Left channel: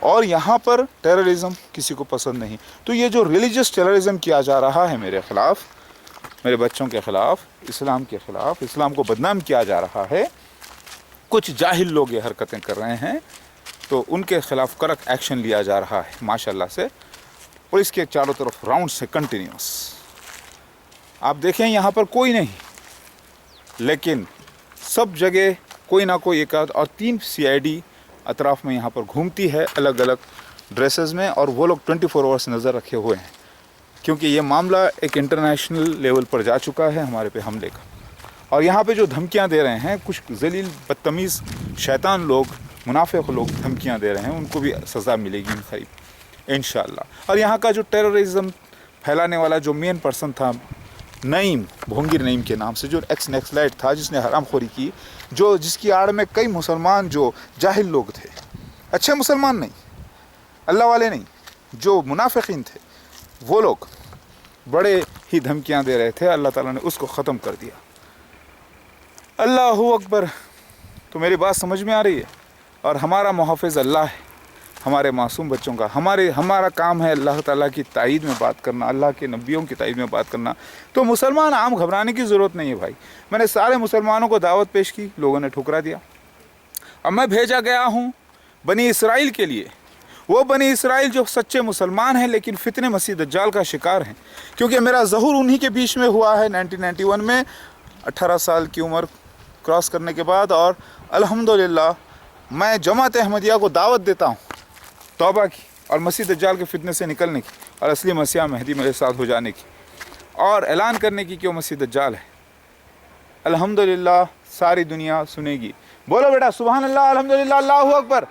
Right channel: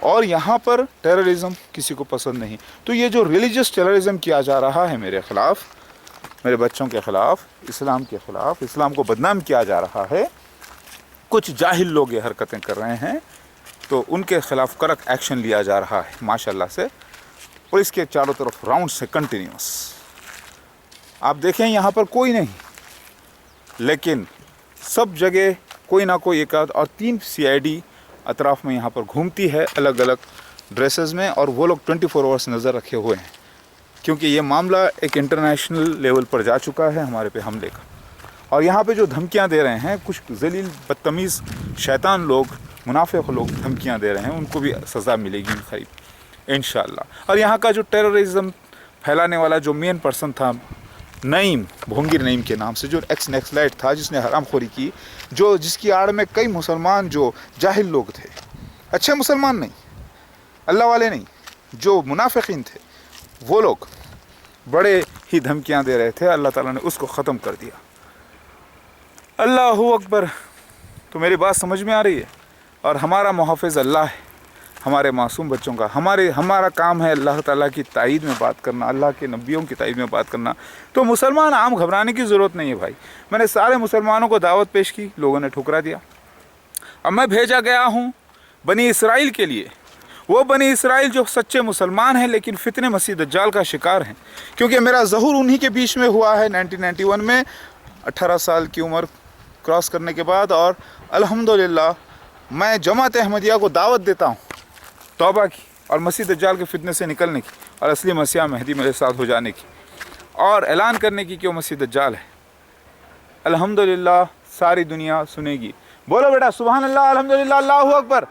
اور یہاں پر ٹیررزم کسی کو پسند نہیں. تو یہ جو ریلیجس ٹیررزم کیا جا رہا ہے میرے خلاف، میرے بچوں کے خلاف، اسلام کے خلاف، اسلام کو بدنام کیا جا رہا ہے، کچھ جاہل لوگ یہ حرکتیں کر رہے ہیں، تو ان کے خلاف کڑک ایکشن لیا جا رہا ہے ماشاءاللہ سے. پولیس کے چاروں طرف راؤنڈ سے کنٹینیوس. آپ دیکھیں یہاں پر کوئی نہیں، لیکن سب جگہ کوئی نہ کوئی ایک آدھ اور 3 CID اطراف میں یہاں پر گھومتی ہے الگ الگ ڈریسز میں، اور وہ لوگ 24 آورس نظر رکھے ہوئے ہیں، کیونکہ یہ معاملہ ایک انٹرنیشنل لیول پر جا چکا ہے ہمارے پہ حملے کا. اور یہاں پہ جو دھمکیاں دے رہے ہیں کچھ ذلیل بدتمیز شیطان لوگ، منافق لوگ دھمکیاں دے رہے ہیں، ان کو بھی سزا ملے گی ان قریب انشاءاللہ. اور یہاں کا جو ٹیررزم پھیلانے والا جو مین پرسن تھا، نعیم، بھونگیر نعیم کے نام سے، جو ایکس نیکسلائٹ تھا، جس نے حرام خوری کی، جس کی آڑ میں کئی مسلمان جو جاہل لوگ تھے، اچھے مسلمان نہیں، اللہ والے نہیں، جو منافقین تھے، وہ لوگ بڑے ہی دھمکیاں دے رہے تھے. اللہ تعالیٰ نے اس کو ختم کر دیا. اللہ اکبر. تو میری بات سمجھ میں آ رہی ہے؟ اور ہمارا محافظ اللہ ہے، ہمارے معصوم بچوں کا. ہمارا کام ہے اللہ تعالیٰ کی تائید میں بات کرنا، اللہ کے نبیوں کی تائید میں بات کرنا. تو مسلمان عام گھبرانے کی ضرورت نہیں ہے بھائی. میں نے سارے مسلمانوں کو دعوت پیش کی، لوگوں نے ٹھکرا دیا. اب میں بھیجا گیا ہوں بنی اسرائیل کے لیے، وہ بنی اسرائیل جو سچے مسلمان ہیں لیکن فتنے مسیح دجال کا شکار ہیں. کیونکہ میرا ظہور انہی کے بیچ میں ہوا ہے 1991 میں، 18 سال کی عمر کراس کرنے کے بعد. اور الحمدللہ میں جماعت احمدیہ کو دعوت دیتا ہوں توبہ کی اور مسیح دجال کے فتنے سے نکلنے کی، اور اصلی مسیح مہدی میرے ساتھ ہو جانے کی، اور اعلان کرنے کی کہ وہ مسیح دجال ہے. الحمدللہ ساری دنیا سنے گی. بولو بیٹا سبحان اللہ، الحمدللہ، اللہ اکبر.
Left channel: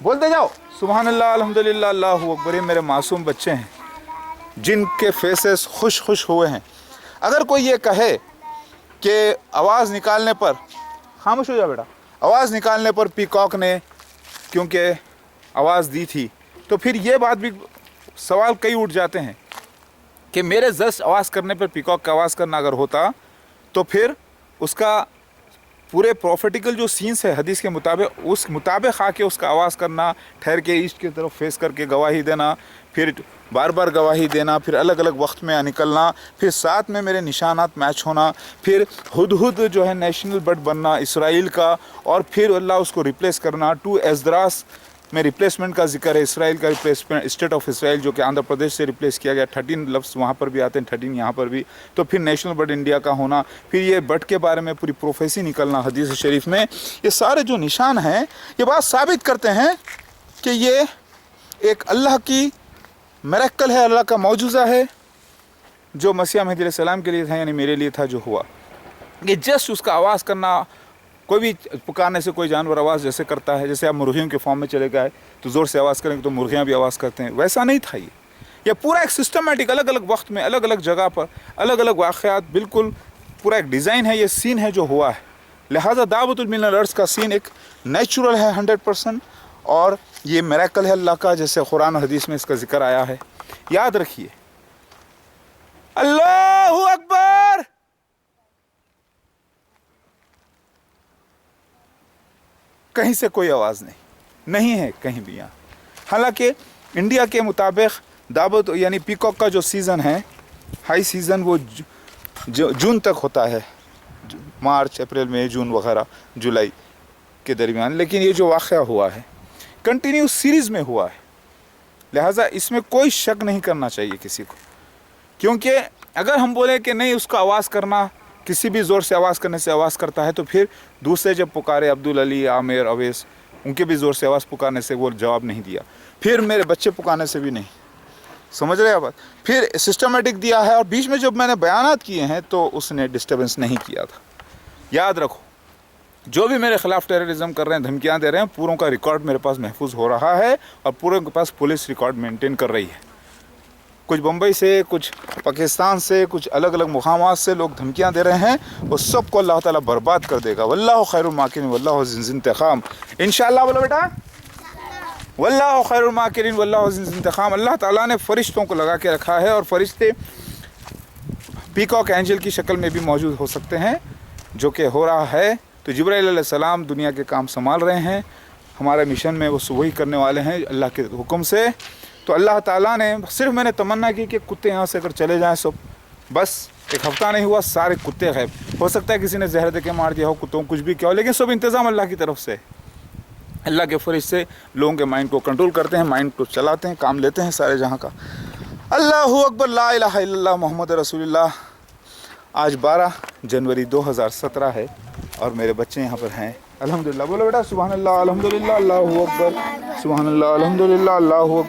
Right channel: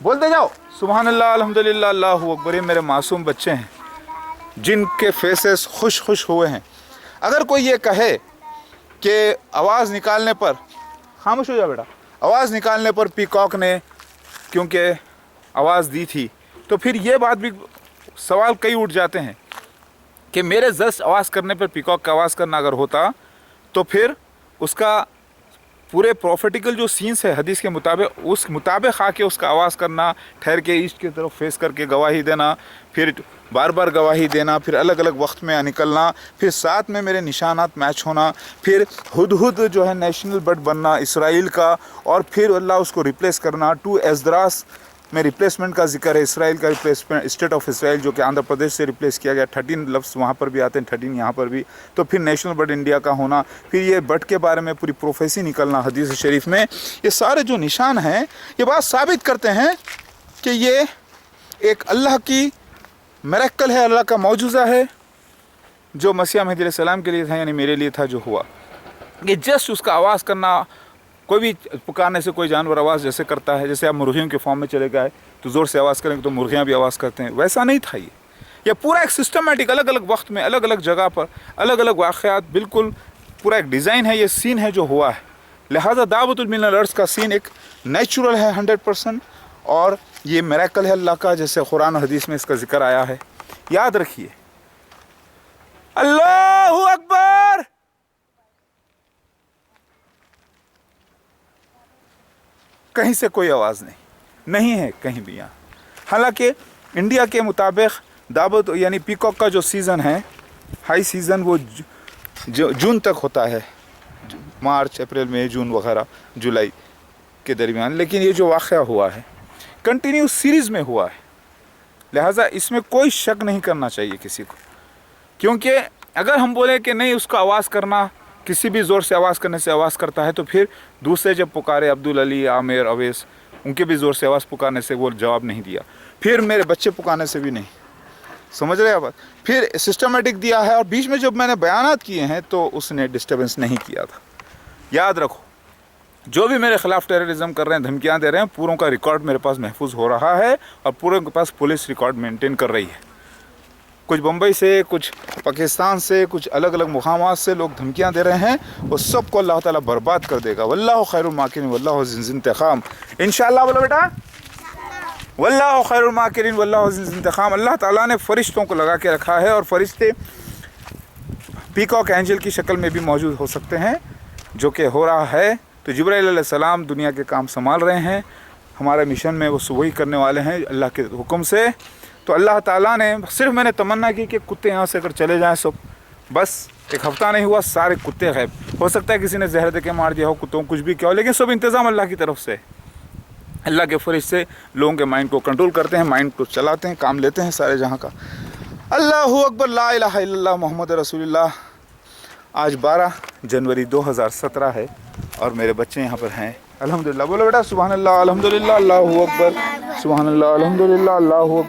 بولتے جاؤ سبحان اللہ، الحمدللہ، اللہ اکبر. یہ میرے معصوم بچے ہیں جن کے فیسز خوش ہوئے ہیں. اگر کوئی یہ کہے کہ آواز نکالنے پر، خاموش ہو جا بیٹا، آواز نکالنے پر پیکاک نے کیونکہ آواز دی تھی، تو پھر یہ بات بھی سوال کئی اٹھ جاتے ہیں کہ میرے جسٹ آواز کرنے پر پیکاک کا آواز کرنا اگر ہوتا تو پھر اس کا پورے پروفیٹیکل جو سینس ہے حدیث کے مطابق، اس مطابق آ کے اس کا آواز کرنا، ٹھہر کے ایسٹ کی طرف فیس کر کے گواہی دینا، پھر بار بار گواہی دینا، پھر الگ الگ وقت میں نکلنا، پھر ساتھ میں میرے نشانات میچ ہونا، پھر ہدہد جو ہے نیشنل برڈ بننا اسرائیل کا، اور پھر اللہ اس کو ریپلیس کرنا. 2 ایزدراس میں ریپلیسمنٹ کا ذکر ہے، اسرائیل کا ریپلیسمنٹ، اسٹیٹ آف اسرائیل جو کہ آندھرا پردیش سے ریپلیس کیا گیا. 13 لفظ وہاں پر بھی آتے ہیں، 13 یہاں پر بھی. تو پھر نیشنل برڈ انڈیا کا ہونا، پھر یہ برڈ کے بارے میں پوری پروفیسی نکلنا حدیث شریف میں. یہ سارے جو نشان ہیں یہ بات ثابت کرتے ہیں کہ یہ ایک اللہ کی میریکل ہے، اللہ کا معجزہ ہے جو مسیح مہدی علیہ السلام کے لیے تھا، یعنی میرے لیے تھا جو ہوا. یہ جسٹ اس کا آواز کرنا، کوئی بھی پکارنے سے کوئی جانور آواز جیسے کرتا ہے، جیسے آپ مرغیوں کے فارم میں چلے گئے تو زور سے آواز کریں گے تو مرغیاں بھی آواز کرتے ہیں، ویسا نہیں تھا. یہ پورا ایک سسٹمیٹک، الگ الگ وقت میں، الگ الگ جگہ پر، الگ الگ واقعات، بالکل پورا ایک ڈیزائن ہے. یہ سین ہے جو ہوا ہے. لہٰذا دعوت من الارض کا سین ایک نیچرل ہے 100%، اور یہ میریکل ہے اللہ کا، جیسے قرآن و حدیث میں اس کا ذکر آیا ہے. یاد رکھیے. اللہ اکبر. کہیں سے کوئی آواز نہیں ہے کہیں بھی یہاں. حالانکہ انڈیا کے مطابق دعوت یعنی پیکاک کا جو سیزن ہے، ہائی سیزن، وہ جون تک ہوتا ہے، مارچ، اپریل، مئی، جون وغیرہ، جولائی کے درمیان. لیکن یہ جو واقعہ ہوا ہے کنٹینیو سیریز میں ہوا ہے، لہٰذا اس میں کوئی شک نہیں کرنا چاہیے کسی کو. کیونکہ اگر ہم بولیں کہ نہیں اس کا آواز کرنا، کسی بھی زور سے آواز کرنے سے آواز کرتا ہے، تو پھر دوسرے جب پکارے عبدالعلی، عامر، اویس، ان کے بھی زور سے آواز پکارنے سے وہ جواب نہیں دیا، پھر میرے بچے پکارنے سے بھی نہیں. سمجھ رہے بات؟ پھر سسٹمیٹک دیا ہے، اور بیچ میں جب میں نے بیانات کیے ہیں تو اس نے ڈسٹربنس نہیں کیا تھا. یاد رکھو، جو بھی میرے خلاف ٹیررزم کر رہے ہیں، دھمکیاں دے رہے ہیں، پوروں کا ریکارڈ میرے پاس محفوظ ہو رہا ہے، اور پوروں کے پاس پولیس ریکارڈ مینٹین کر رہی ہے. کچھ بمبئی سے، کچھ پاکستان سے، کچھ الگ الگ مقامات سے لوگ دھمکیاں دے رہے ہیں، وہ سب کو اللہ تعالیٰ برباد کر دے گا. واللہ خیر الماکرین واللہ ذو الانتقام. انشاءاللہ بولو بیٹا، واللہ خیر الماکرین واللہ ذو الانتقام. اللہ تعالیٰ نے فرشتوں کو لگا کے رکھا ہے، اور فرشتے پیکاک اینجل کی شکل میں بھی موجود ہو سکتے ہیں، جو کہ ہو رہا ہے تو جبرائیل علیہ السلام دنیا کے کام سنبھال رہے ہیں، ہمارے مشن میں وہ وہی کرنے والے ہیں اللہ کے حکم سے۔ تو اللہ تعالیٰ نے صرف میں نے تمنا کی کہ کتے یہاں سے اگر چلے جائیں سب، بس ایک ہفتہ نہیں ہوا سارے کتے غائب۔ ہو سکتا ہے کسی نے زہر دے کے مار دیا ہو کتوں کچھ بھی کیا ہو، لیکن سب انتظام اللہ کی طرف سے۔ اللہ کے فرشتے لوگوں کے مائنڈ کو کنٹرول کرتے ہیں، مائنڈ کو چلاتے ہیں، کام لیتے ہیں سارے جہاں کا۔ اللہ اکبر، لا الہ الا اللہ محمد رسول اللہ۔ آج 12 جنوری 2017 ہے اور میرے بچے یہاں پر ہیں۔ الحمدللہ بولو بیٹا سبحان اللہ، الحمدللہ، اللہ اکبر، سبحان اللہ، الحمدللہ، اللہ اکبر۔